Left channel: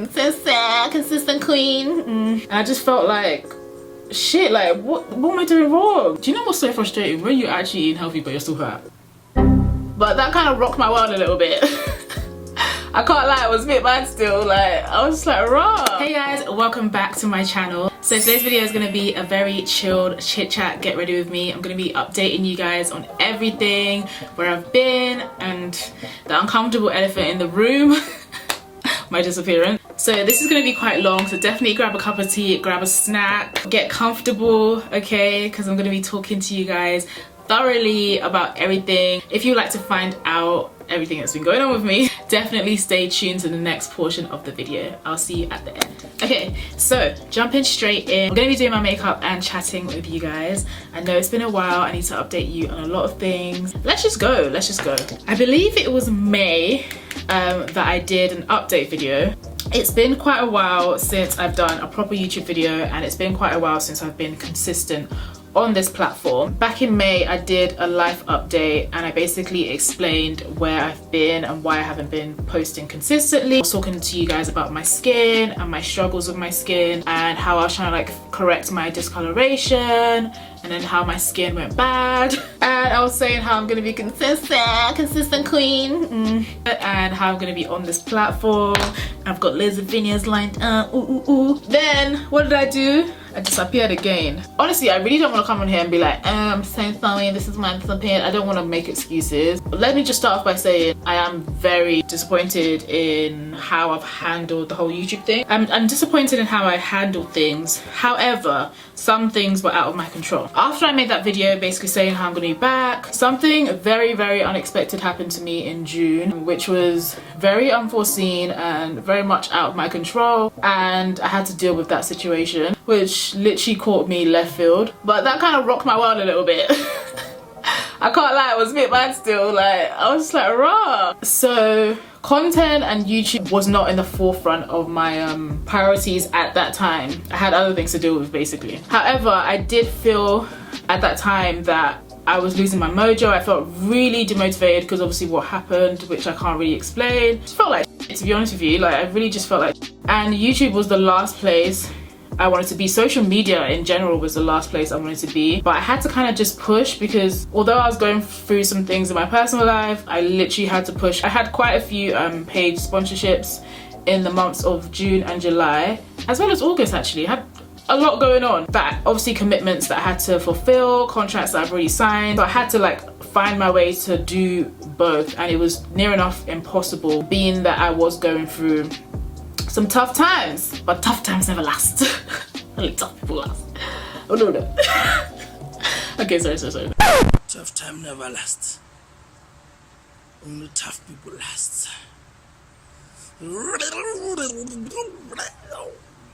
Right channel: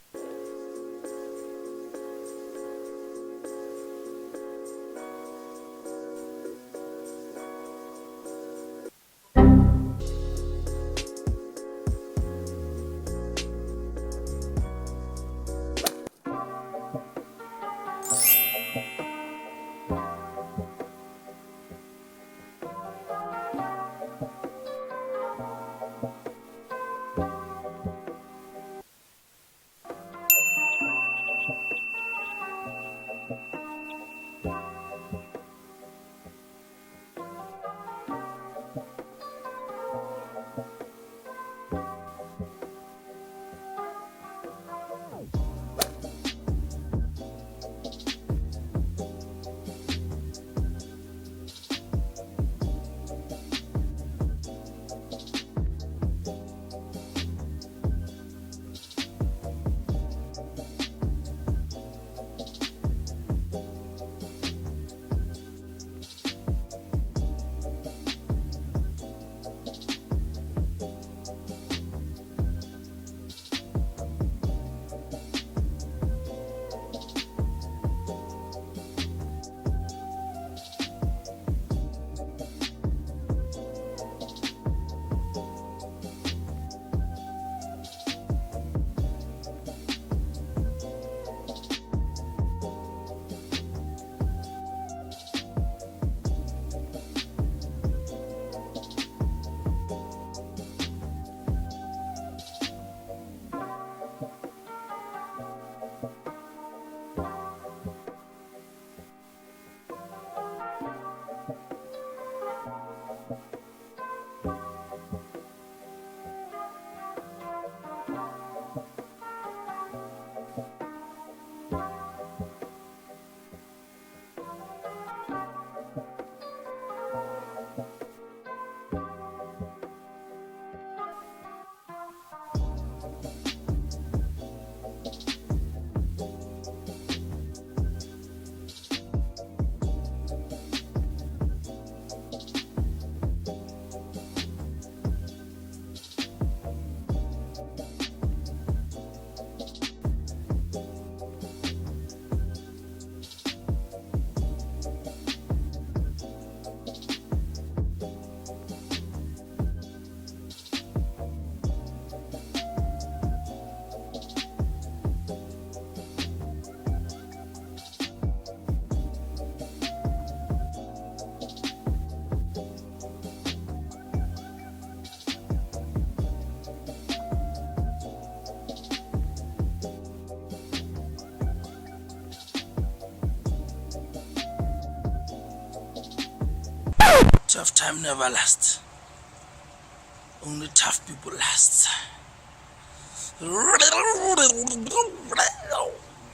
Consistent queen. And I just felt like, shit, like what am I doing wrong? Do you know what's so frustrating? When you're actually eating healthy but you're still fat. But that kind of rocked my world a little bit. I can't lie, it was a bit bad still. Like, I was just like, raw. Hey guys, welcome back to my channel. So today's video is going to be a very chilled chit chat, get ready with me. I'm going to be updating you guys on everything, where I've been, and the uncomfortable elephant in the room, my disappearance. So this is going to be quite long, so definitely grab a cup of tea, grab a snack, get comfortable, okay? Because I'm going to be talking to you guys thoroughly about everything. If you'd like to find out everything that's been going on with me, definitely stay tuned to the next portion of the video. I'll see you at the end. Okay, so jumping straight in, I'm going to be doing my makeup and chatting with you guys. I know it's been a while, I need to update you on a lot of things. Let's just go. I believe it was May that I did an update video. It's been quite a while since I've done a proper YouTube video, and it's been quite a while since I've been consistent on this platform. Back in May, I did a life update and I basically explained where I've been and why I haven't been posting consistently. I was talking to you guys about my skin and my struggles with my skin and how I was trying to like correct my discoloration, and then how my skin went bad. And I was saying how I'm gonna be consistent queen, and how I'm gonna be on this platform. I've got loads of videos lined up. Then what did I do? I disappeared again. Honestly, I really don't want to come on here and be like, I'm so sorry, this is my disappeared. I don't want to make excuses. But let me just start off by saying I am very disappointed in how I've handled the whole YouTube thing. I'm disappointed in how I handled things. However, some things were out of my control. After I made that video basically saying how I'm going to be back, something very, very unexpected happened to me in June, which was very unforeseen and very much out of my control, and I had to deal with that situation, which literally caught me left field. But that kind of rocked my world a little bit. I can't lie, it was a bit bad still. Like, I was just like, raw. So content and YouTube was not in the forefront of my priorities at that time. I had other things to deal with basically. However, I did feel at that time that I was losing my mojo. I felt really demotivated because obviously what happened, which I can't really explain. It felt like, to be honest with you, like I really just felt like, and YouTube was the last place I wanted to be. Social media in general was the last place I wanted to be, but I had to kind of just push, because although I was going through some things in my personal life, I literally had to push. I had quite a few paid sponsorships in the months of June and July, as well as August actually. I had a lot going on, but obviously commitments that I had to fulfill, contracts that I've already signed, so I had to like find my way to do both, and it was near enough impossible, being that I was going through some tough times, but tough times never last. Only tough people last. Oh no. Okay, sorry. Tough time never lasts. Only tough people last.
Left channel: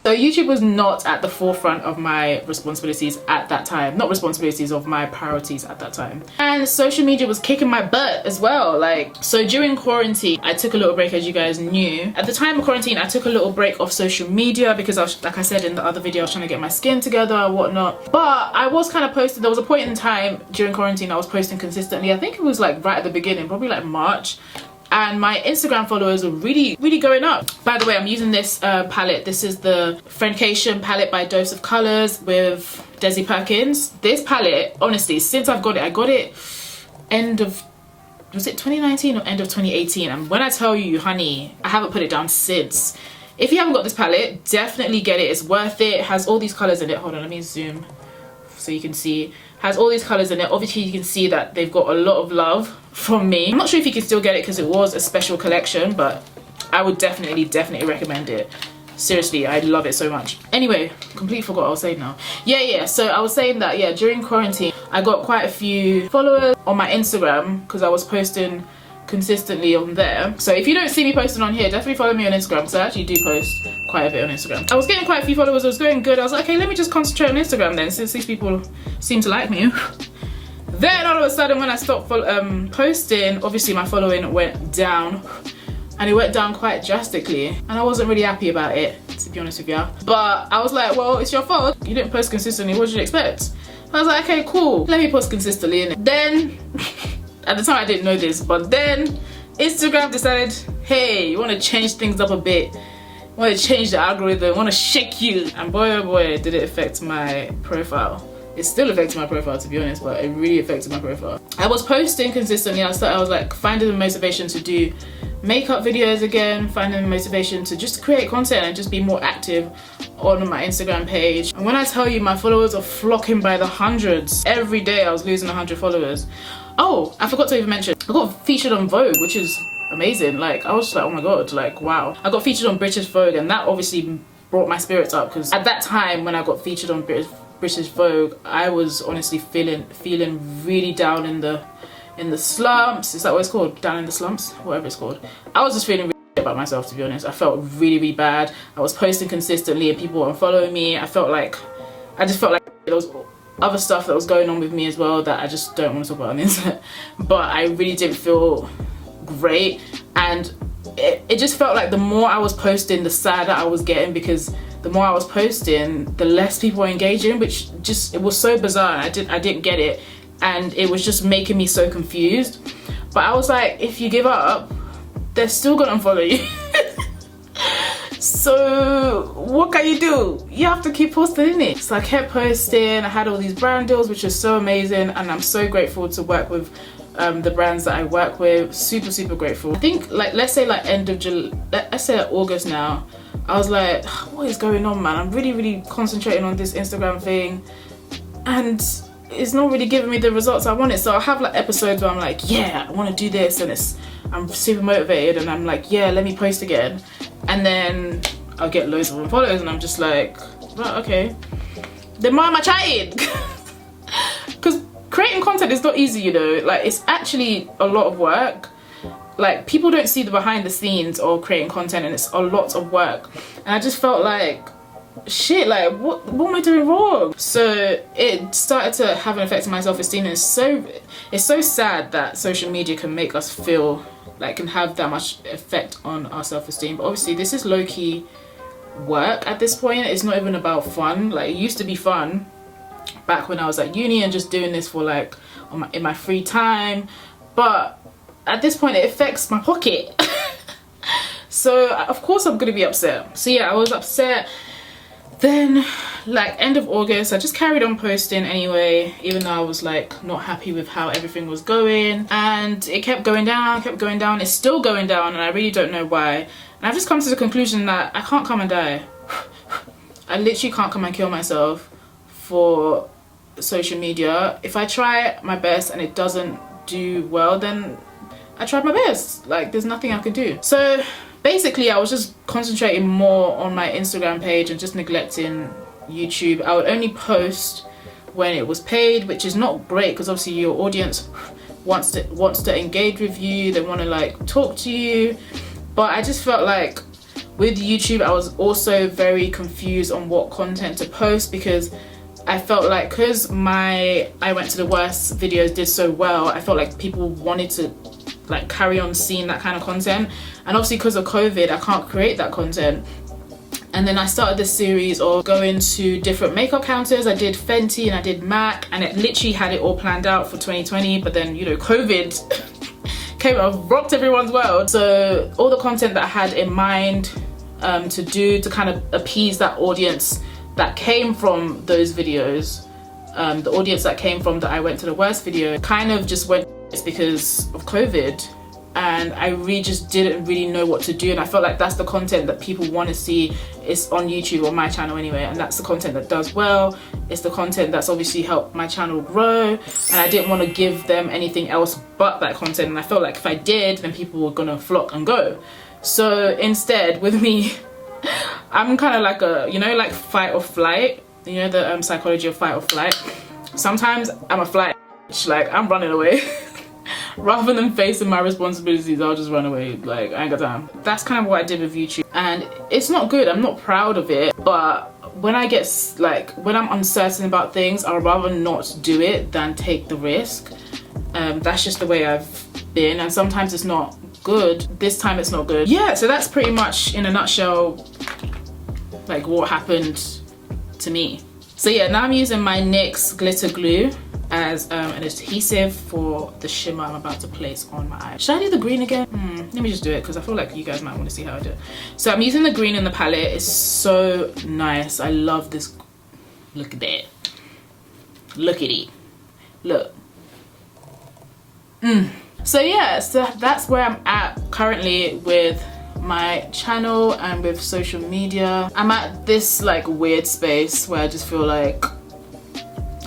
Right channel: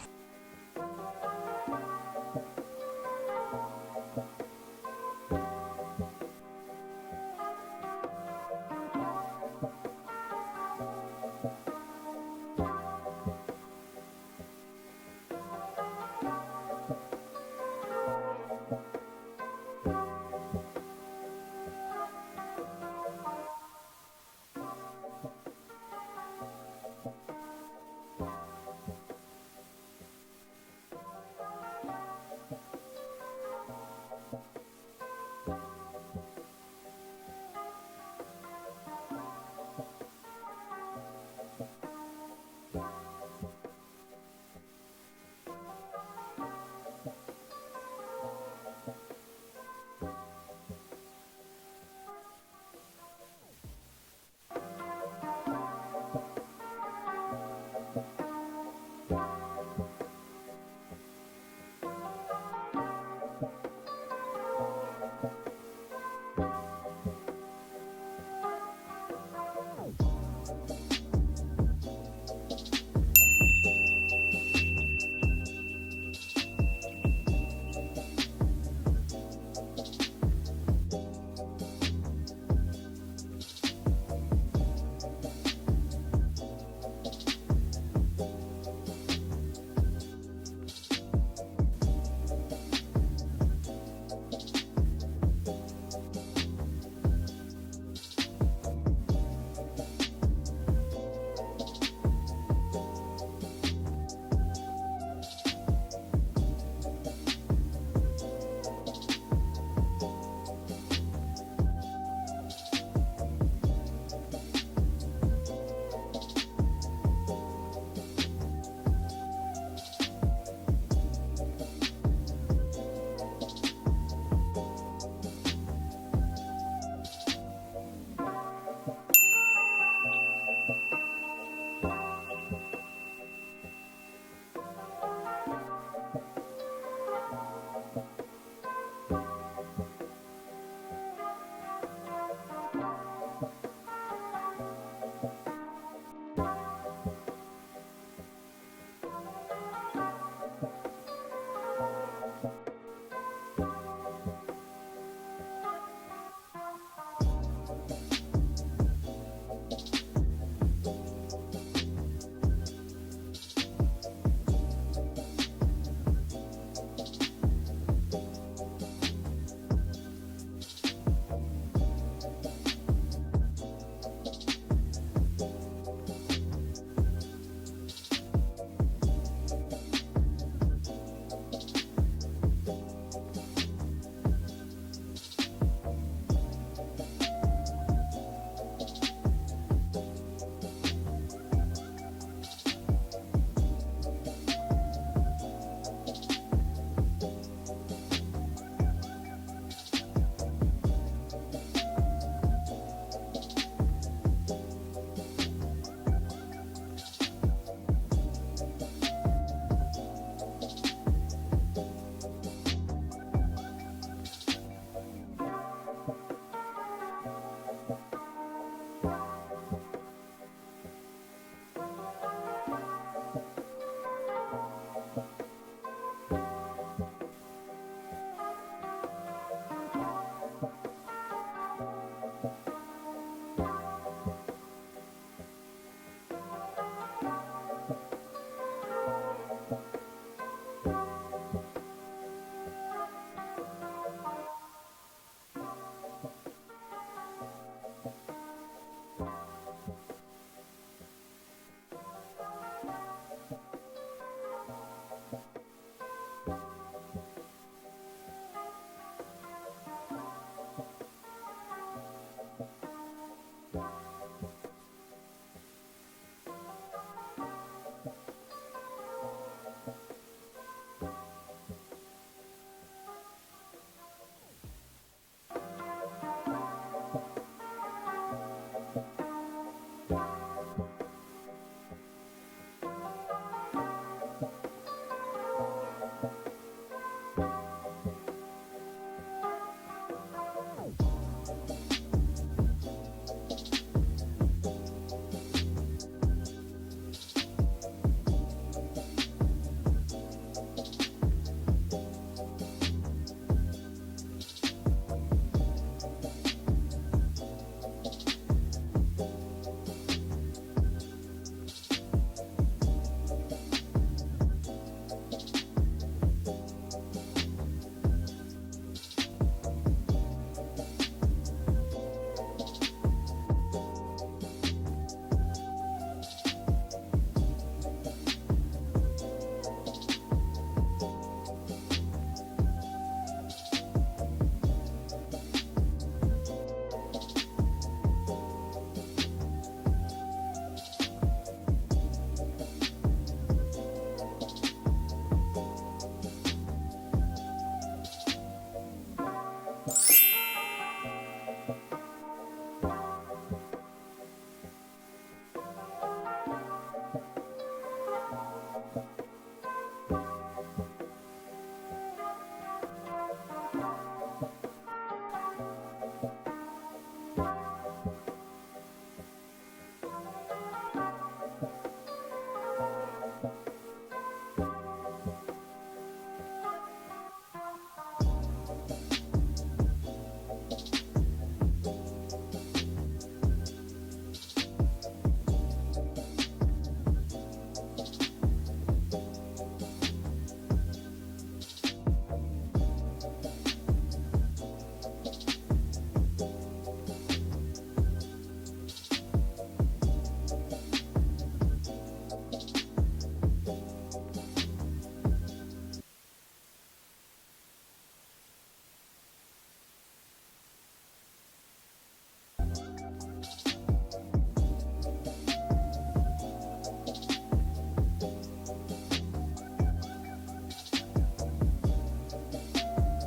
So YouTube was not at the forefront of my responsibilities at that time. Not responsibilities, of my priorities at that time. And social media was kicking my butt as well. Like, so during quarantine, I took a little break, as you guys knew. At the time of quarantine, I took a little break off social media because I was, like I said in the other video, I was trying to get my skin together and whatnot. But I was kind of posting, there was a point in time during quarantine I was posting consistently. I think it was like right at the beginning, probably like March. And my Instagram followers are really going up. By the way, I'm using this palette. This is the Friendcation palette by Dose of Colors with Desi Perkins. This palette, honestly, since I've got it, I got it end of, was it 2019 or end of 2018? And when I tell you, honey, I haven't put it down since. If you haven't got this palette, definitely get it. It's worth it. It has all these colors in it. Hold on, let me zoom so you can see. Has all these colors in it. Obviously you can see that they've got a lot of love from me. I'm not sure if you can still get it because it was a special collection, but I would definitely recommend it. Seriously, I love it so much. Anyway, completely forgot what I was saying now. Yeah, so I was saying that, yeah, during quarantine I got quite a few followers on my Instagram because I was posting consistently on there. So if you don't see me posting on here, definitely follow me on Instagram, because I actually do post quite a bit on Instagram. I was getting quite a few followers, it was going good. I was like, okay, let me just concentrate on Instagram then, since these people seem to like me. Then all of a sudden when I stopped posting, obviously my following went down, and it went down quite drastically, and I wasn't really happy about it, to be honest with you. But I was like, well, it's your fault, you didn't post consistently, what did you expect? I was like, okay, cool, let me post consistently. And then at the time I didn't know this, but then Instagram decided, hey, you want to change things up a bit, want to change the algorithm, want to shake you. And boy oh boy, did it affect my profile. It still affected my profile, to be honest, but it really affected my profile. I was posting consistently. I was like finding the motivation to do makeup videos again, finding the motivation to just create content and just be more active on my Instagram page. And when I tell you, my followers are flocking by the hundreds. Every day I was losing 100 followers. Oh, I forgot to even mention, I got featured on Vogue, which is amazing. Like, I was just like, oh my god, like, wow. I got featured on British Vogue, and that obviously brought my spirits up, because at that time when I got featured on British Vogue, I was honestly feeling really down in the slumps. Is that what it's called? Down in the slumps? Whatever it's called. I was just feeling really about myself, to be honest. I felt really bad. I was posting consistently and people were unfollowing me. I just felt like there was other stuff that was going on with me as well that I just don't want to talk about on the internet. But I really didn't feel great, and it just felt like the more I was posting, the sadder I was getting, because the more I was posting, the less people were engaging, which just, it was so bizarre. I didn't get it, and it was just making me so confused. But I was like, if you give up, they're still gonna unfollow you. So what can you do? You have to keep posting, innit? So I kept posting. I had all these brand deals, which is so amazing, and I'm so grateful to work with the brands that I work with. Super grateful. I think, like, let's say like end of July, let's say like August now, I was like, what is going on, man? I'm really concentrating on this Instagram thing, and it's not really giving me the results I wanted. So I'll have like episodes where I'm like, yeah, I want to do this, and I'm super motivated, and I'm like, yeah, let me post again. And then I'll get loads of followers, and I'm just like, well, okay, then why am I chatting? Because creating content is not easy, you know. Like, it's actually a lot of work. Like, people don't see the behind the scenes of creating content, and it's a lot of work. And I just felt like, shit, like, what am I doing wrong? So it started to have an effect on my self-esteem, and it's so sad that social media can make us feel like, can have that much effect on our self-esteem. But obviously this is low-key work at this point. It's not even about fun. Like, it used to be fun back when I was at uni and just doing this for like in my free time, but at this point it affects my pocket. So of course I'm gonna be upset. So yeah, I was upset. Then like end of August, I just carried on posting anyway, even though I was like not happy with how everything was going, and it kept going down. It's still going down, and I really don't know why. And I've just come to the conclusion that I can't come and die. I literally can't come and kill myself for social media. If I try my best and it doesn't do well, then I tried my best. Like, there's nothing I can do. So basically I was just concentrating more on my Instagram page and just neglecting YouTube. I would only post when it was paid, which is not great, because obviously your audience wants to engage with you, they want to like talk to you. But I just felt like with YouTube I was also very confused on what content to post, because I felt like, because I Went to the Worst videos did so well, I felt like people wanted to like carry on seeing that kind of content, and obviously because of COVID I can't create that content. And then I started this series of going to different makeup counters. I did Fenty and I did MAC, and it literally had it all planned out for 2020, but then, you know, COVID came and rocked everyone's world. So all the content that I had in mind to do to kind of appease that audience that came from those videos, the audience that came from the I Went to the Worst video, kind of just went because of COVID. And I really just didn't really know what to do, and I felt like that's the content that people want to see is on YouTube, on my channel anyway, and that's the content that does well. It's the content that's obviously helped my channel grow, and I didn't want to give them anything else but that content, and I felt like if I did, then people were gonna flock and go. So instead, with me, I'm kind of like a, you know, like fight or flight, you know, the psychology of fight or flight. Sometimes I'm a flight, like I'm running away. Rather than facing my responsibilities, I'll just run away. Like, I ain't got time. That's kind of what I did with YouTube, and it's not good. I'm not proud of it, but when I get like, when I'm uncertain about things, I'd rather not do it than take the risk. That's just the way I've been, and sometimes it's not good. This time it's not good. Yeah, so that's pretty much in a nutshell like what happened to me. So yeah, now I'm using my NYX glitter glue. as an adhesive for the shimmer I'm about to place on my eye. Should I do the green again? Let me just do it because I feel like you guys might want to see how I do it. So I'm using the green in the palette. It's so nice. I love this. Look at that. Look at it. Look. So yeah, so that's where I'm at currently with my channel and with social media. I'm at this like weird space where I just feel like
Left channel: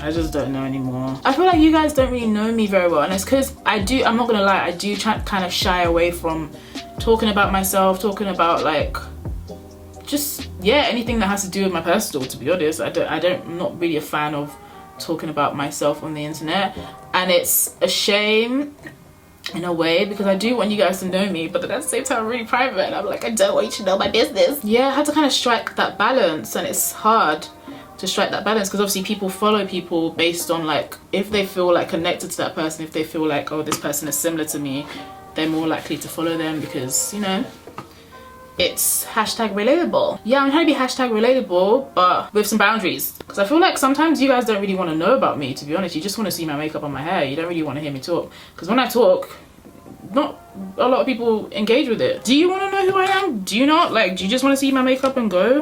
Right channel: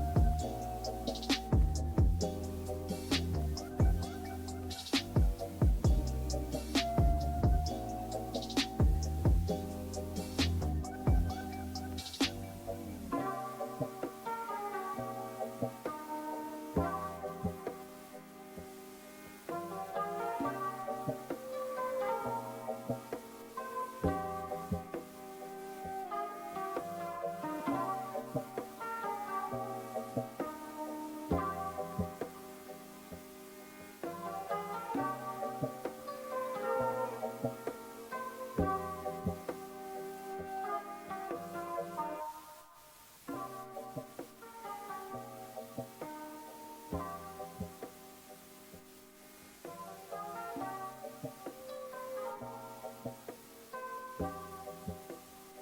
I just don't know anymore. I feel like you guys don't really know me very well, and it's because I'm not gonna lie, I do kind of shy away from talking about myself, talking about like just, yeah, anything that has to do with my personal, to be honest. I'm not really a fan of talking about myself on the internet, and it's a shame in a way because I do want you guys to know me, but at the same time I'm really private and I'm like, I don't want you to know my business. Yeah, I had to kind of strike that balance, and it's hard to strike that balance because obviously people follow people based on like if they feel like connected to that person, if they feel like, oh, this person is similar to me, they're more likely to follow them because, you know, it's hashtag relatable. Yeah, I'm trying to be hashtag relatable, but with some boundaries. Because I feel like sometimes you guys don't really want to know about me, to be honest. You just want to see my makeup on my hair. You don't really want to hear me talk. Because when I talk, not a lot of people engage with it. Do you want to know who I am? Do you not? Like, do you just want to see my makeup and go?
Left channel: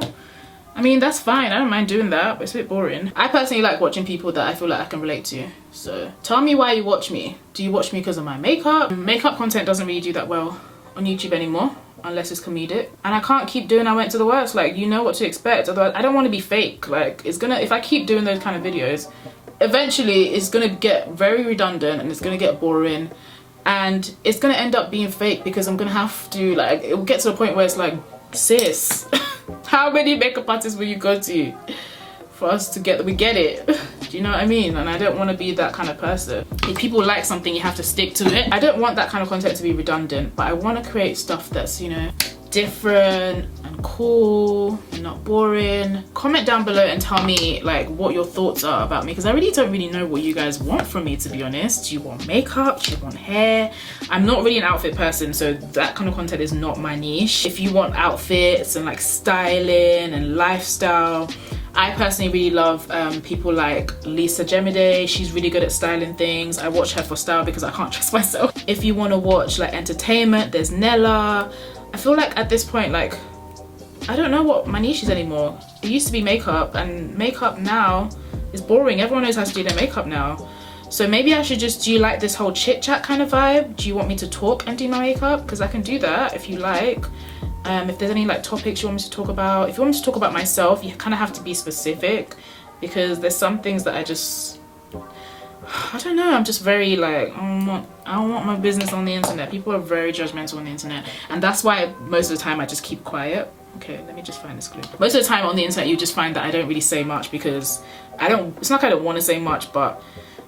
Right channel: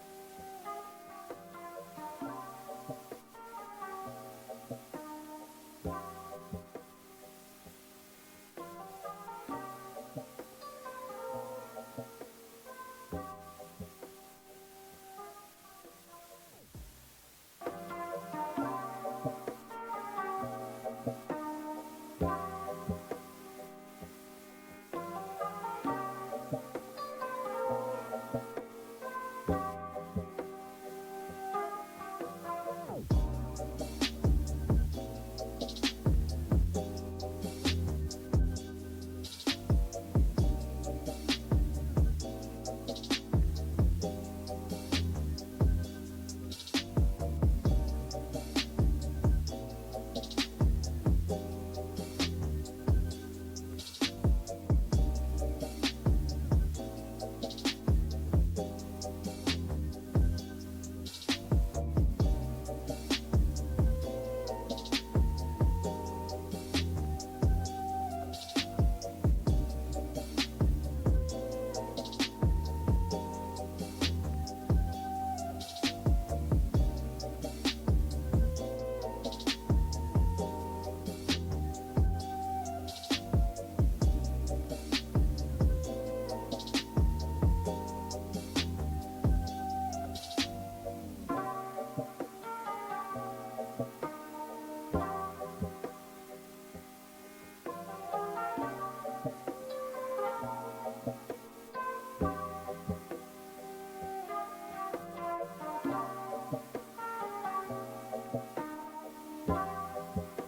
I mean, that's fine. I don't mind doing that, but it's a bit boring. I personally like watching people that I feel like I can relate to. So tell me why you watch me. Do you watch me because of my makeup? Makeup content doesn't really do that well on YouTube anymore, unless it's comedic, and I can't keep doing I went to the works. Like, you know what to expect. Otherwise, I don't want to be fake. Like, it's gonna, if I keep doing those kind of videos, eventually it's gonna get very redundant and it's gonna get boring, and it's gonna end up being fake because I'm gonna have to, like, it will get to the point where it's like, sis, how many makeup artists will you go to for us to get, we get it? Do you know what I mean? And I don't want to be that kind of person. If people like something, you have to stick to it. I don't want that kind of content to be redundant, but I want to create stuff that's, you know, different and cool and not boring. Comment down below and tell me like what your thoughts are about me, because I really don't really know what you guys want from me, to be honest. Do you want makeup? Do you want hair? I'm not really an outfit person, so that kind of content is not my niche. If you want outfits and like styling and lifestyle, I personally really love people like Lisa Gemide. She's really good at styling things. I watch her for style because I can't trust myself. If you want to watch like entertainment, there's Nella. I feel like at this point, like, I don't know what my niche is anymore. It used to be makeup, and makeup now is boring. Everyone knows how to do their makeup now. So maybe I should just do like this whole chit chat kind of vibe. Do you want me to talk and do my makeup? Because I can do that if you like. If there's any like topics you want me to talk about. If you want me to talk about myself, you kind of have to be specific, because there's some things that I don't know, I'm just very like, I don't want my business on the internet. People are very judgmental on the internet, and that's why most of the time I just keep quiet. Okay, let me just find this clip. Most of the time on the internet you just find that I don't really say much because it's not like I don't want to say much, but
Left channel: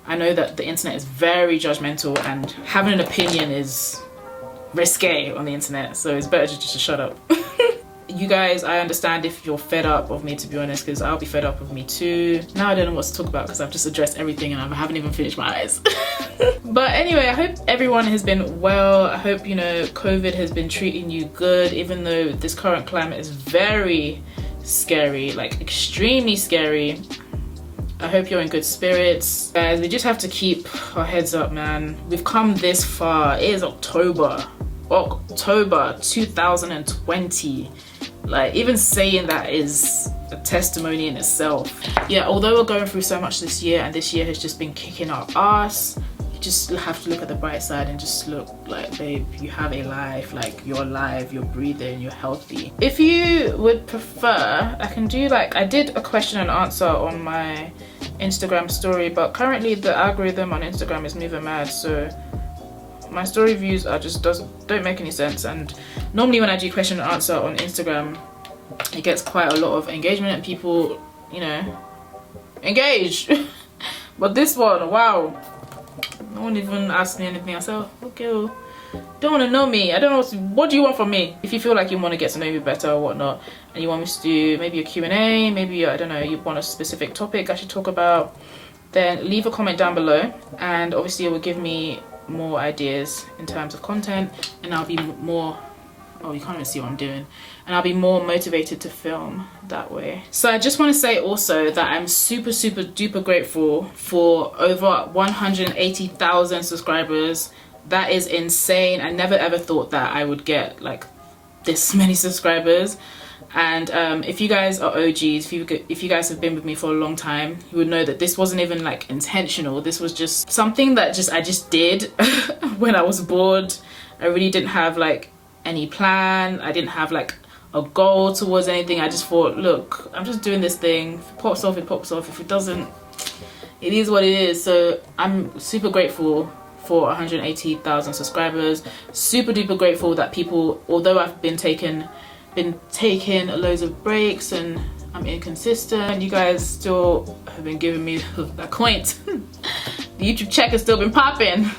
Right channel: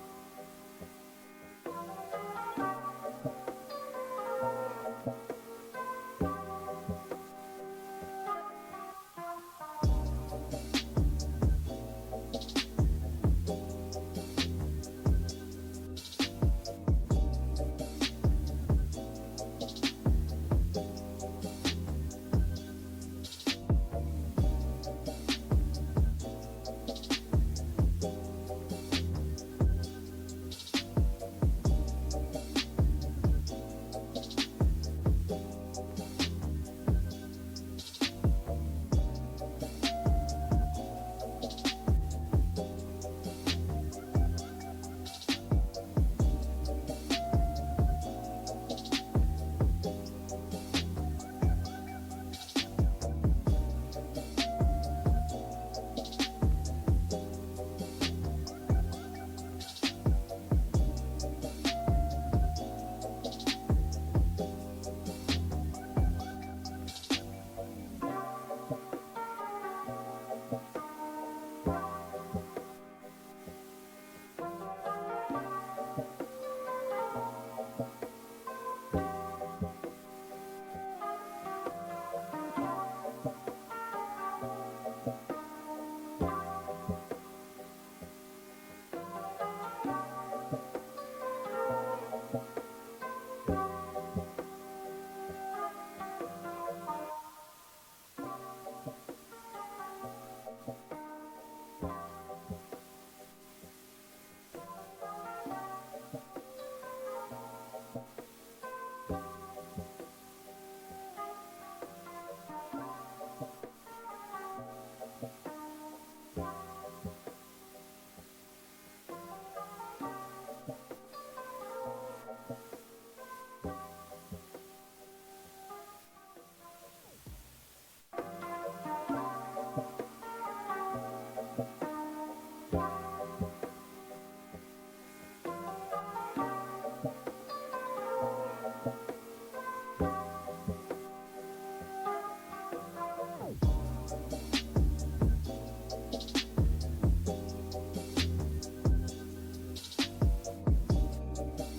I know that the internet is very judgmental and having an opinion is risque on the internet, so it's better just to shut up. You guys, I understand if you're fed up of me, to be honest, because I'll be fed up of me too. Now I don't know what to talk about because I've just addressed everything and I haven't even finished my eyes. But anyway, I hope everyone has been well. I hope, you know, COVID has been treating you good, even though this current climate is very scary, like extremely scary. I hope you're in good spirits. Guys, we just have to keep our heads up, man. We've come this far. It is October 2020. Like, even saying that is a testimony in itself. Yeah, although we're going through so much this year, and this year has just been kicking our ass, you just have to look at the bright side and just look like, babe, you have a life. Like, you're alive, you're breathing, you're healthy. If you would prefer, I can do like, I did a question and answer on my Instagram story, but currently the algorithm on Instagram is moving mad, so my story views are just don't make any sense. And normally when I do question and answer on Instagram, it gets quite a lot of engagement and people, you know, engage. But this one, wow, no one even asked me anything. I said, okay, well, don't want to know me. I don't know what do you want from me. If you feel like you want to get to know me better or whatnot, and you want me to do maybe a Q&A, maybe, I don't know, you want a specific topic I should talk about, then leave a comment down below, and obviously it will give me more ideas in terms of content, and I'll be more, oh, you can't even see what I'm doing, and I'll be more motivated to film that way. So I just want to say also that I'm super duper grateful for over 180,000 subscribers. That is insane. I never ever thought that I would get like this many subscribers. And if you guys are OGs, if you guys have been with me for a long time, you would know that this wasn't even like intentional. This was just something that I just did when I was bored. I really didn't have like any plan. I didn't have like a goal towards anything. I just thought, look, I'm just doing this thing. If it pops off, it pops off. If it doesn't, it is what it is. So I'm super grateful for 180,000 subscribers. Super duper grateful that people, although I've been taking loads of breaks and I'm inconsistent, you guys still have been giving me that point. The YouTube check has still been popping.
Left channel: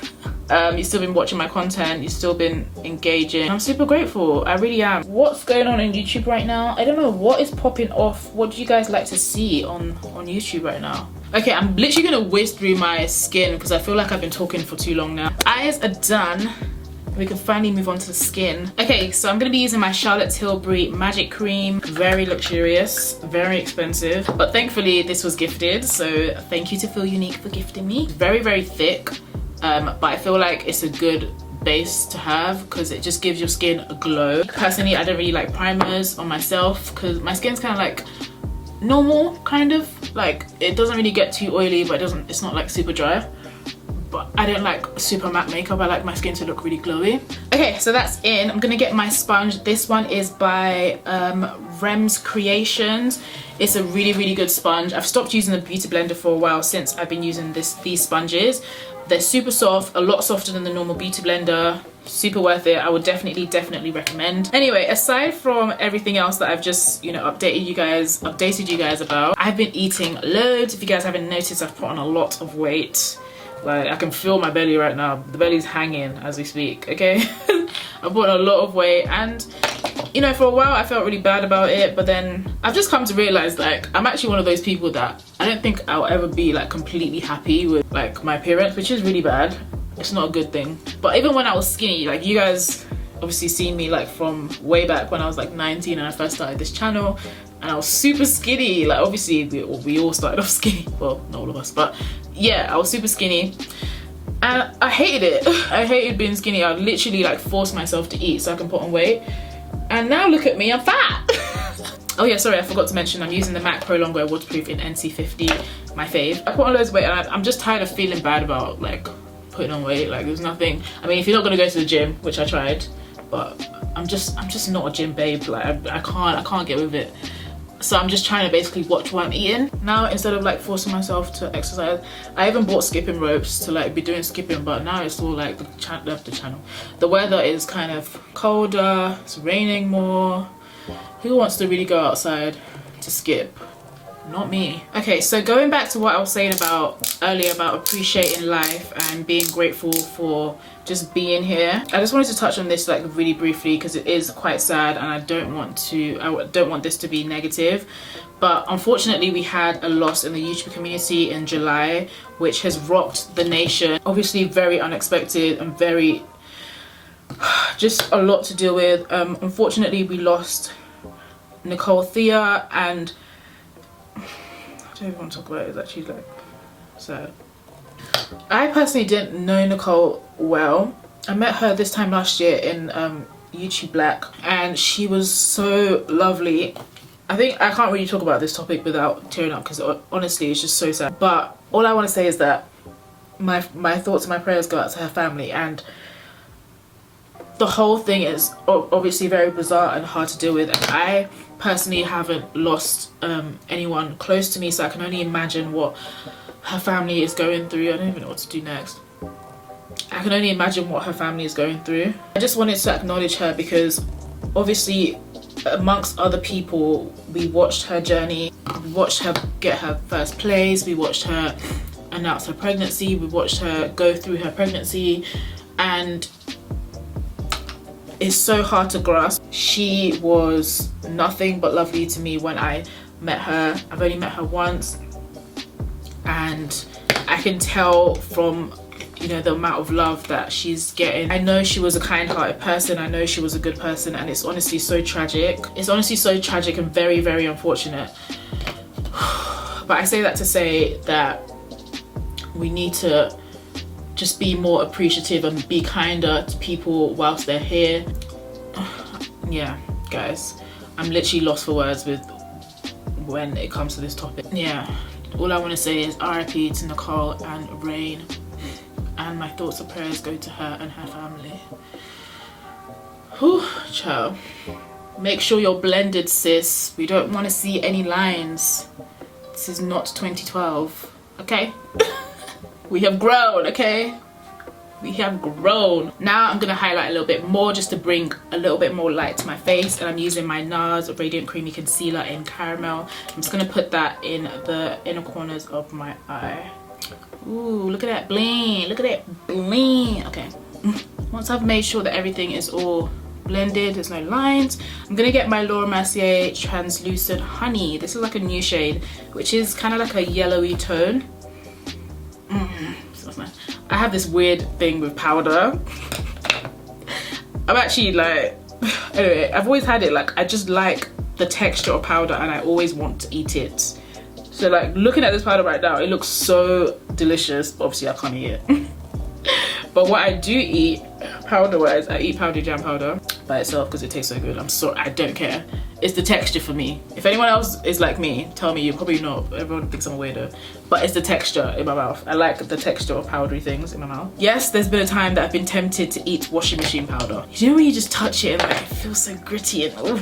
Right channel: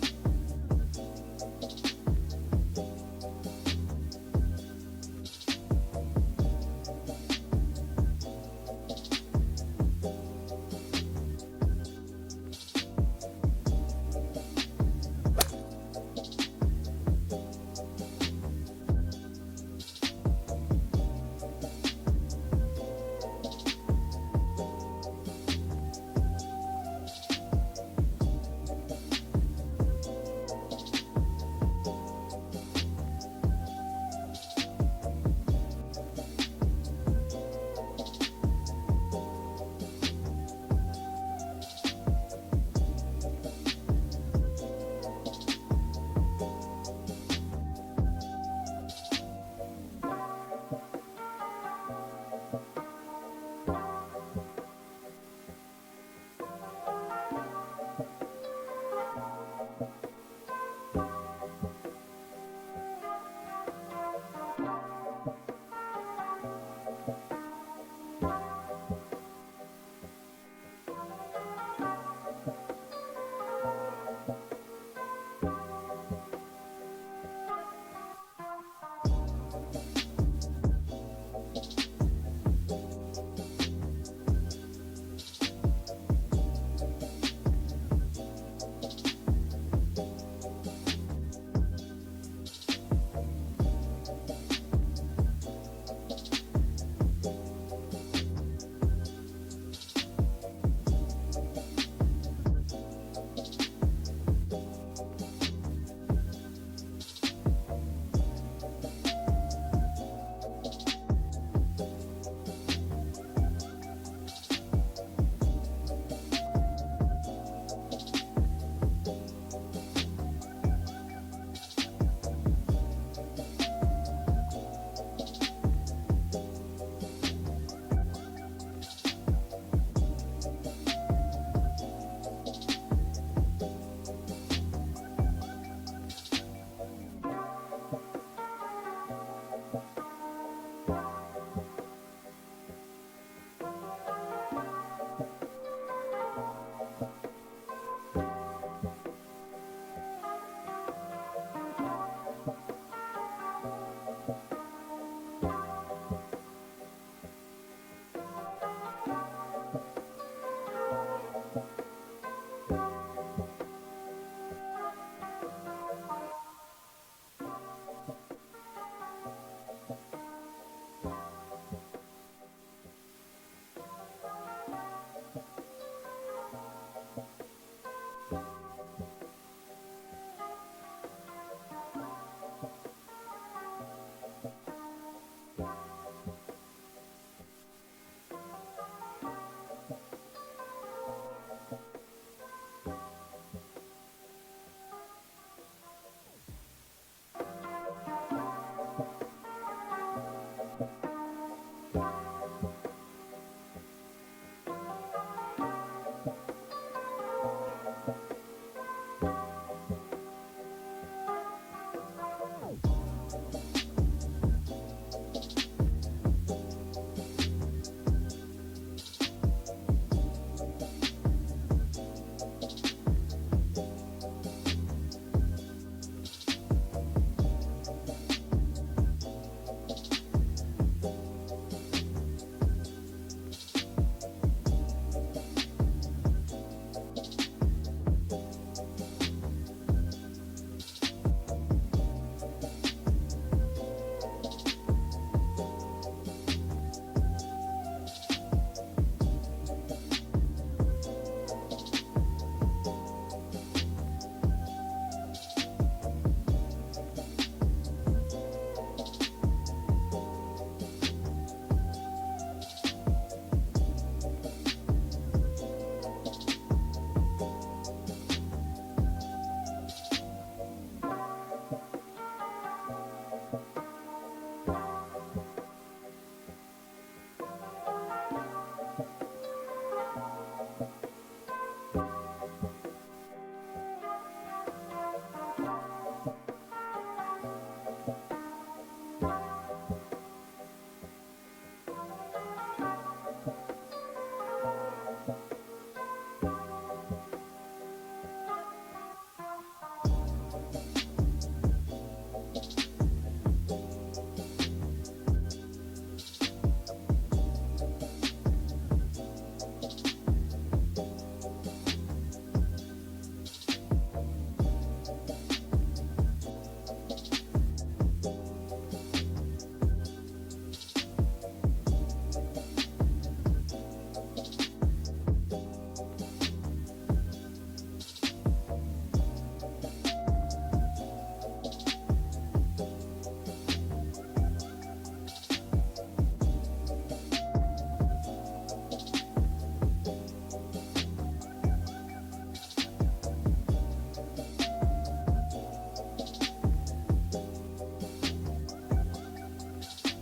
You've still been watching my content, you've still been engaging. I'm super grateful, I really am. What's going on in YouTube right now? I don't know what is popping off. What do you guys like to see on YouTube right now? Okay, I'm literally gonna whiz through my skin because I feel like I've been talking for too long now. Eyes are done. We can finally move on to the skin. Okay, so I'm gonna be using my Charlotte Tilbury Magic Cream. Very luxurious, very expensive, but thankfully this was gifted, so thank you to Feel Unique for gifting me. Very thick, but I feel like it's a good base to have because it just gives your skin a glow. Personally, I don't really like primers on myself because my skin's kind of like normal, kind of. Like, it doesn't really get too oily, but it's not like super dry. But I don't like super matte makeup. I like my skin to look really glowy. Okay, so that's in. I'm gonna get my sponge. This one is by Rem's Creations. It's a really good sponge. I've stopped using the beauty blender for a while since I've been using these sponges. They're super soft, a lot softer than the normal beauty blender. Super worth it. I would definitely recommend. Anyway, aside from everything else that I've just, you know, updated you guys about, I've been eating loads. If you guys haven't noticed, I've put on a lot of weight. Like, I can feel my belly right now. The belly's hanging as we speak, okay? I've put on a lot of weight, and you know, for a while I felt really bad about it, but then I've just come to realize, like, I'm actually one of those people that I don't think I'll ever be like completely happy with like my appearance, which is really bad. It's not a good thing. But even when I was skinny, like, you guys obviously seen me like from way back when I was like 19 and I first started this channel, and I was super skinny. Like, obviously we all started off skinny, well, not all of us, but yeah, I was super skinny and I hated it. I hated being skinny. I'd literally like force myself to eat so I can put on weight, and now look at me, I'm fat. Oh yeah, sorry, I forgot to mention I'm using the MAC Prolongwear Waterproof in NC50, my fave. I put on loads of weight and I'm just tired of feeling bad about like putting on weight. Like, there's nothing, I mean, if you're not gonna go to the gym, which I tried, but I'm just not a gym babe. Like, I can't get with it. So I'm just trying to basically watch what I'm eating now instead of like forcing myself to exercise. I even bought skipping ropes to like be doing skipping, but now it's all like the weather is kind of colder, it's raining more. Who wants to really go outside to skip? Not me. Okay, so going back to what I was saying about earlier about appreciating life and being grateful for just being here, I just wanted to touch on this like really briefly because it is quite sad, and I don't want this to be negative, but unfortunately we had a loss in the YouTube community in July, which has rocked the nation. Obviously very unexpected and very just a lot to deal with. Unfortunately we lost Nicole Thea, and I don't even want to talk about it. It's actually like sad. I personally didn't know Nicole well. I met her this time last year in YouTube Black, and she was so lovely. I think I can't really talk about this topic without tearing up because honestly it's just so sad. But all I want to say is that my thoughts and my prayers go out to her family, and the whole thing is obviously very bizarre and hard to deal with, and I personally haven't lost anyone close to me, so I can only imagine what her family is going through. I don't even know what to do next. I can only imagine what her family is going through. I just wanted to acknowledge her because obviously amongst other people we watched her journey, we watched her get her first place, we watched her announce her pregnancy, we watched her go through her pregnancy, and it's so hard to grasp. She was nothing but lovely to me when I met her. I've only met her once, and I can tell from, you know, the amount of love that she's getting. I know she was a kind-hearted person, I know she was a good person, and it's honestly so tragic. It's honestly so tragic and very, very unfortunate. But I say that to say that we need to just be more appreciative and be kinder to people whilst they're here. Yeah, guys, I'm literally lost for words with when it comes to this topic. Yeah, all I want to say is RIP to Nicole and Rain, and my thoughts and prayers go to her and her family. Whew, child. Make sure you're blended, sis. We don't want to see any lines. This is not 2012, okay? We have grown, okay? We have grown. Now I'm gonna highlight a little bit more just to bring a little bit more light to my face, and I'm using my Nars Radiant Creamy Concealer in Caramel. I'm just gonna put that in the inner corners of my eye. Ooh, look at that bling, look at that bling. Okay, once I've made sure that everything is all blended, there's no lines, I'm gonna get my Laura Mercier Translucent Honey. This is like a new shade, which is kind of like a yellowy tone. I have this weird thing with powder. I'm actually like, anyway, I've always had it, like I just like the texture of powder and I always want to eat it. So like looking at this powder right now, it looks so delicious. Obviously I can't eat it. But what I do eat powder wise, I eat powdered jam powder by itself because it tastes so good. I don't care. It's the texture for me. If anyone else is like me, tell me. You're probably not. Everyone thinks I'm a weirdo. But it's the texture in my mouth. I like the texture of powdery things in my mouth. Yes, there's been a time that I've been tempted to eat washing machine powder. You know when you just touch it and like, it feels so gritty and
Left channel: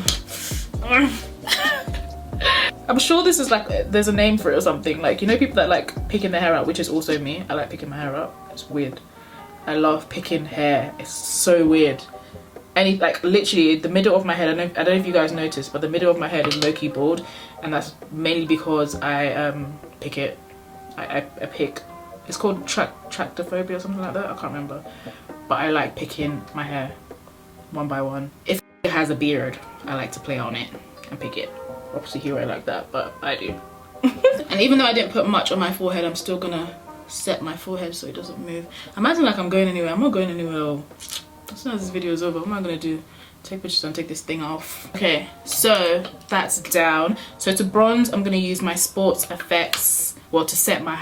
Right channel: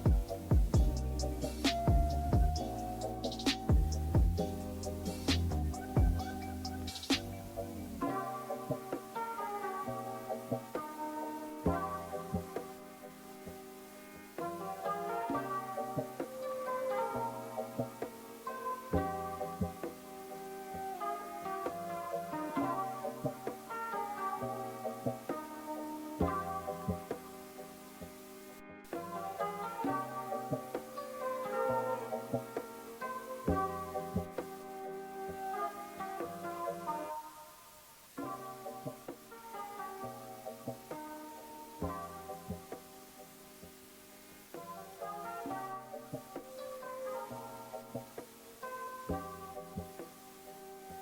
I'm sure this is like, there's a name for it or something. Like, you know people that like picking their hair out, which is also me. I like picking my hair out. It's weird. I love picking hair. It's so weird. And like literally the middle of my head, I don't know if you guys noticed, but the middle of my head is low-key bald, and that's mainly because I pick it. I pick. It's called tractophobia or something like that. I can't remember, but I like picking my hair one by one. If it has a beard, I like to play on it and pick it. Obviously, here I like that, but I do. And even though I didn't put much on my forehead, I'm still gonna set my forehead so it doesn't move. Imagine like I'm going anywhere. I'm not going anywhere. As soon as this video is over, what am I gonna do? Take pictures and take this thing off. Okay, so that's down. So to bronze, I'm gonna use my Sportfx. Well, to set my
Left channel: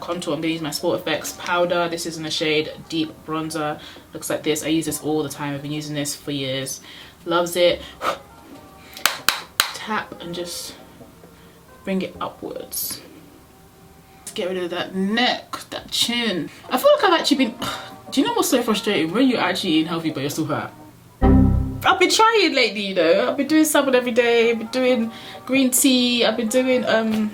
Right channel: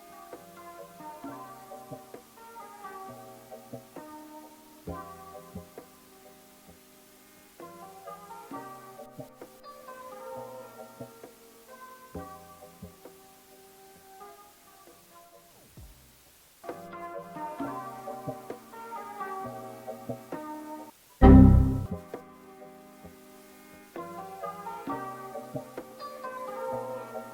contour, I'm gonna use my Sportfx powder. This is in the shade Deep Bronzer. Looks like this. I use this all the time. I've been using this for years. Loves it. Tap and just bring it upwards. Get rid of that neck, that chin. I feel like I've actually been. Do you know what's so frustrating? When you're actually eating healthy but you're still fat. I've been trying lately, you know. I've been doing salmon every day. I've been doing green tea. I've been doing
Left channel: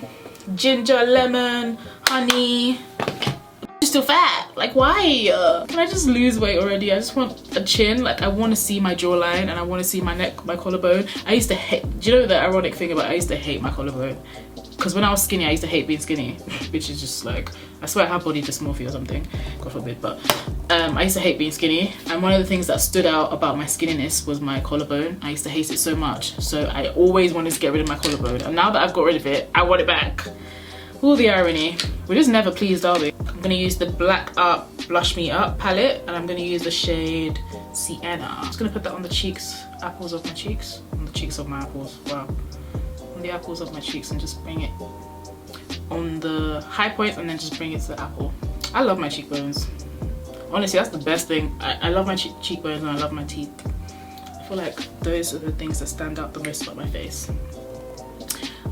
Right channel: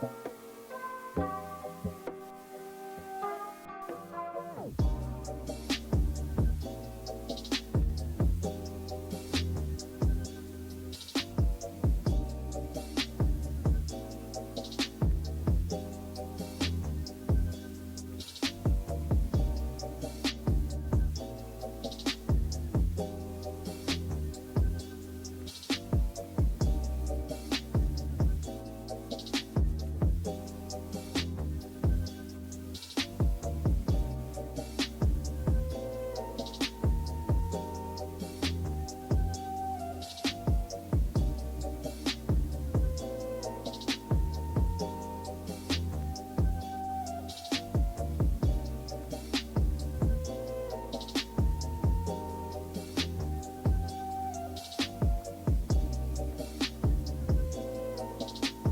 ginger, lemon, honey. I'm still fat. Like, why? Can I just lose weight already? I just want a chin. Like, I want to see my jawline and I want to see my neck, my collarbone. I used to hate. Do you know the ironic thing about? I used to hate my collarbone. Because when I was skinny, I used to hate being skinny, which is just like, I swear I have body dysmorphia or something, God forbid, but I used to hate being skinny, and one of the things that stood out about my skinniness was my collarbone. I used to hate it so much, so I always wanted to get rid of my collarbone, and now that I've got rid of it, I want it back. All the irony. We're just never pleased, are we? I'm gonna use the Black Art Blush Me Up palette, and I'm gonna use the shade Sienna. I'm just gonna put that on the cheeks, apples of my cheeks, on the cheeks of my apples, wow. The apples of my cheeks, and just bring it on the high point and then just bring it to the apple. I love my cheekbones. Honestly, that's the best thing. I love my cheekbones and I love my teeth. I feel like those are the things that stand out the most about my face.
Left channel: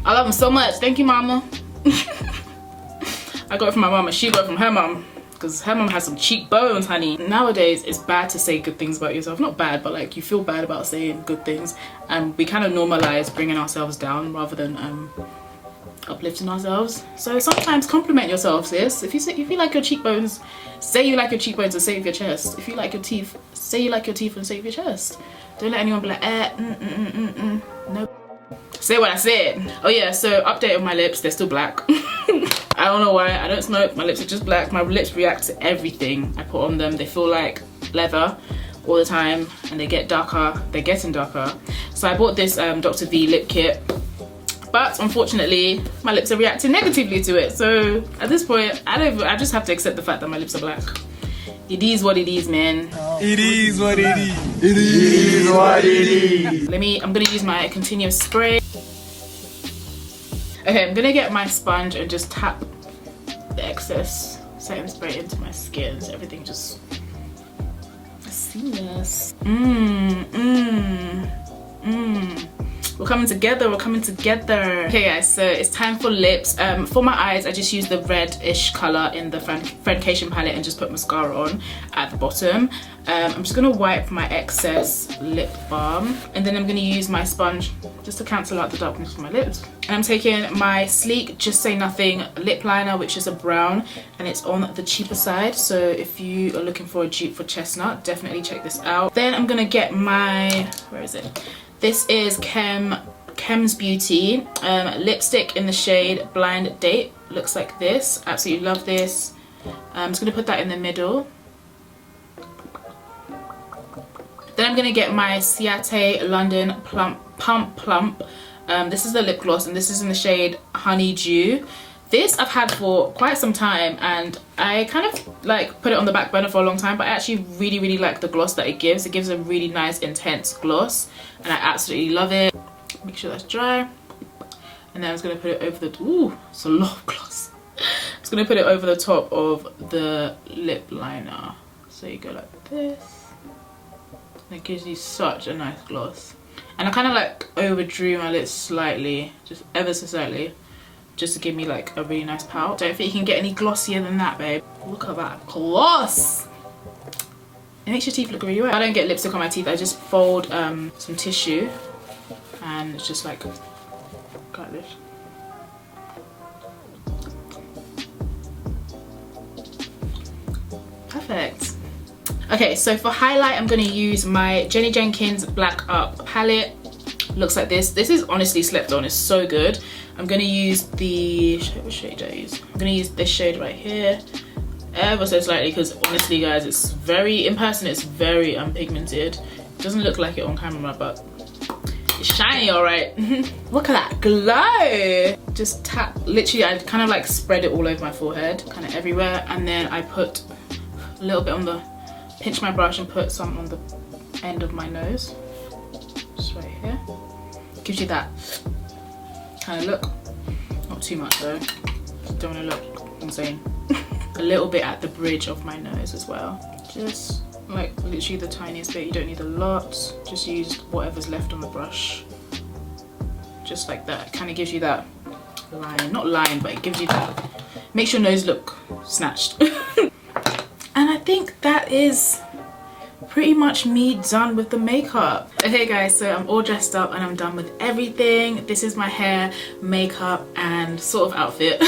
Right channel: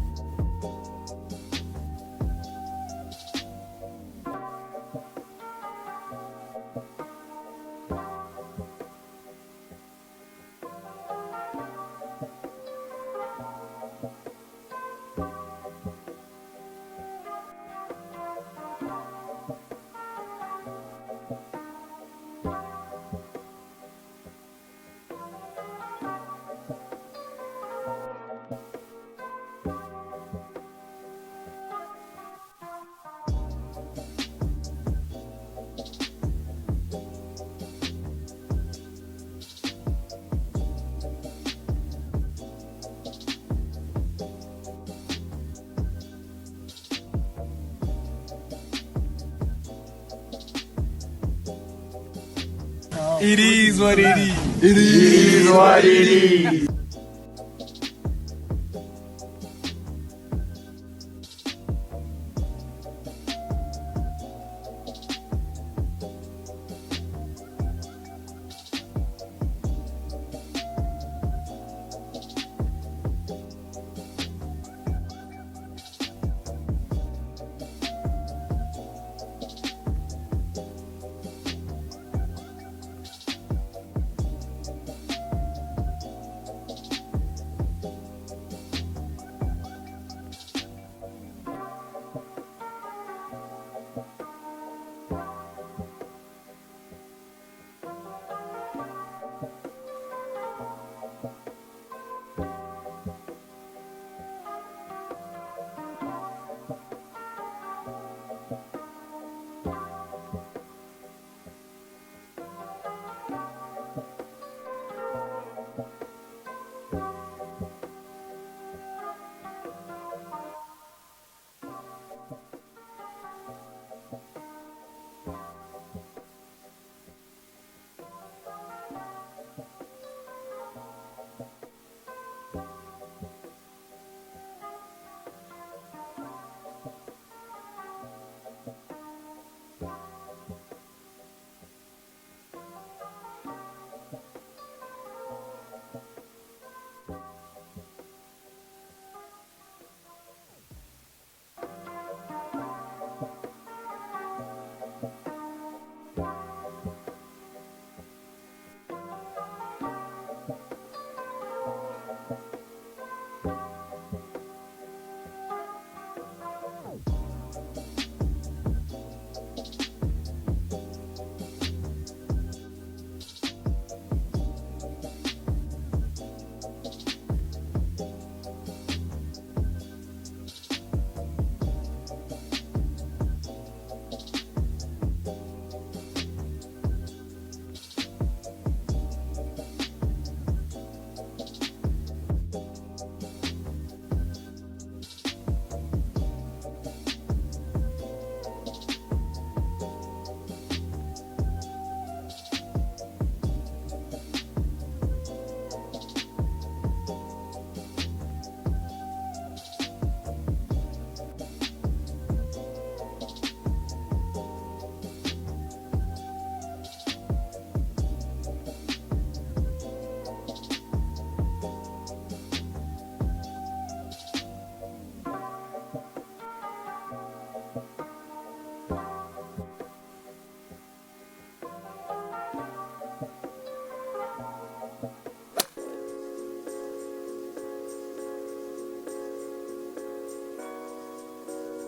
I love them so much. Thank you, mama. I got it from my mama. She got it from her mom. Because her mom has some cheekbones, honey. Nowadays, it's bad to say good things about yourself. Not bad, but like you feel bad about saying good things. And we kind of normalize bringing ourselves down rather than uplifting ourselves. So sometimes compliment yourself, sis. If you like your cheekbones, say you like your cheekbones and say it with your chest. If you like your teeth, say you like your teeth and say it with your chest. Don't let anyone be like, no. Say what I said. Oh yeah, so update on my lips, they're still black. I don't know why, I don't smoke, my lips are just black. My lips react to everything I put on them. They feel like leather all the time and they get darker, they're getting darker. So I bought this Dr. V lip kit, but unfortunately my lips are reacting negatively to it. So at this point, I just have to accept the fact that my lips are black. It is what it is, man. It is what it is. It is what it is. I'm gonna use my continuous spray. Okay, I'm gonna get my sponge and just tap the excess setting spray into my skin so everything just seamless. We're coming together, we're coming together. Okay guys, so it's time for lips. For my eyes, I just use the reddish color in the Friendcation palette and just put mascara on at the bottom. I'm just gonna wipe my excess lip balm and then I'm gonna use my sponge just to cancel out the darkness of my lips. And I'm taking my Sleek Just Say Nothing lip liner, which is a brown, and it's on the cheaper side. So if you are looking for a dupe for Chestnut, definitely check this out. Then I'm gonna get my, where is it? This is Chem's Beauty lipstick in the shade Blind Date. Looks like this. Absolutely love this. I'm just gonna put that in the middle. Then I'm gonna get my Ciate London Pump Plump. This is the lip gloss and this is in the shade Honeydew. This I've had for quite some time and I kind of like put it on the back burner for a long time, but I actually really like the gloss that it gives. It gives a really nice intense gloss and I absolutely love it. Make sure that's dry. And then I'm just gonna put it over the, ooh, it's a lot of gloss. I'm just gonna put it over the top of the lip liner. So you go like this. And it gives you such a nice gloss. And I kind of like overdrew my lips slightly, just ever so slightly, just to give me like a really nice pout. Don't think you can get any glossier than that, babe. Look at that gloss. It makes your teeth look really wet. I don't get lipstick on my teeth. I just fold some tissue and it's just like this. Perfect. Okay, so for highlight, I'm gonna use my Jennie Jenkins Black Up palette. Looks like this. This is honestly slept on, it's so good. I'm gonna use the, what shade do I use? I'm gonna use this shade right here, ever so slightly, because honestly guys, it's very, in person it's very unpigmented. It doesn't look like it on camera, but it's shiny alright. Look at that glow! Just tap, literally I kind of like spread it all over my forehead, kind of everywhere, and then I put a little bit on the, pinch my brush and put some on the end of my nose. Just right here. Gives you that kind of look. Not too much though. Don't want to look insane. A little bit at the bridge of my nose as well. Just like literally the tiniest bit. You don't need a lot. Just use whatever's left on the brush. Just like that. Kind of gives you that line. Not line, but it gives you that. Makes your nose look snatched. And I think that is pretty much me done with the makeup. Okay guys, so I'm all dressed up and I'm done with everything. This is my hair, makeup and sort of outfit.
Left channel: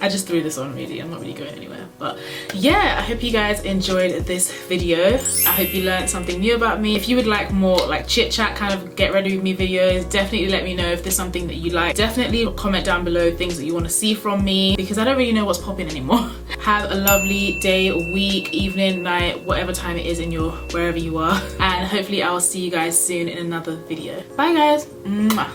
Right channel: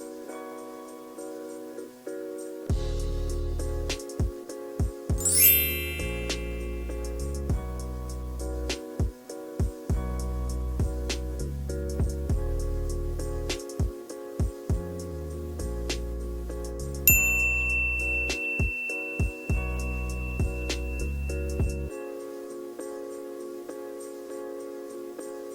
I just threw this on really, I'm not really going anywhere. But yeah, I hope you guys enjoyed this video. I hope you learned something new about me. If you would like more like chit chat kind of get ready with me videos, definitely let me know if there's something that you like. Definitely comment down below things that you want to see from me, because I don't really know what's popping anymore. Have a lovely day, week, evening, night, whatever time it is in your, wherever you are. And hopefully I will see you guys soon in another video. Bye guys. Mwah.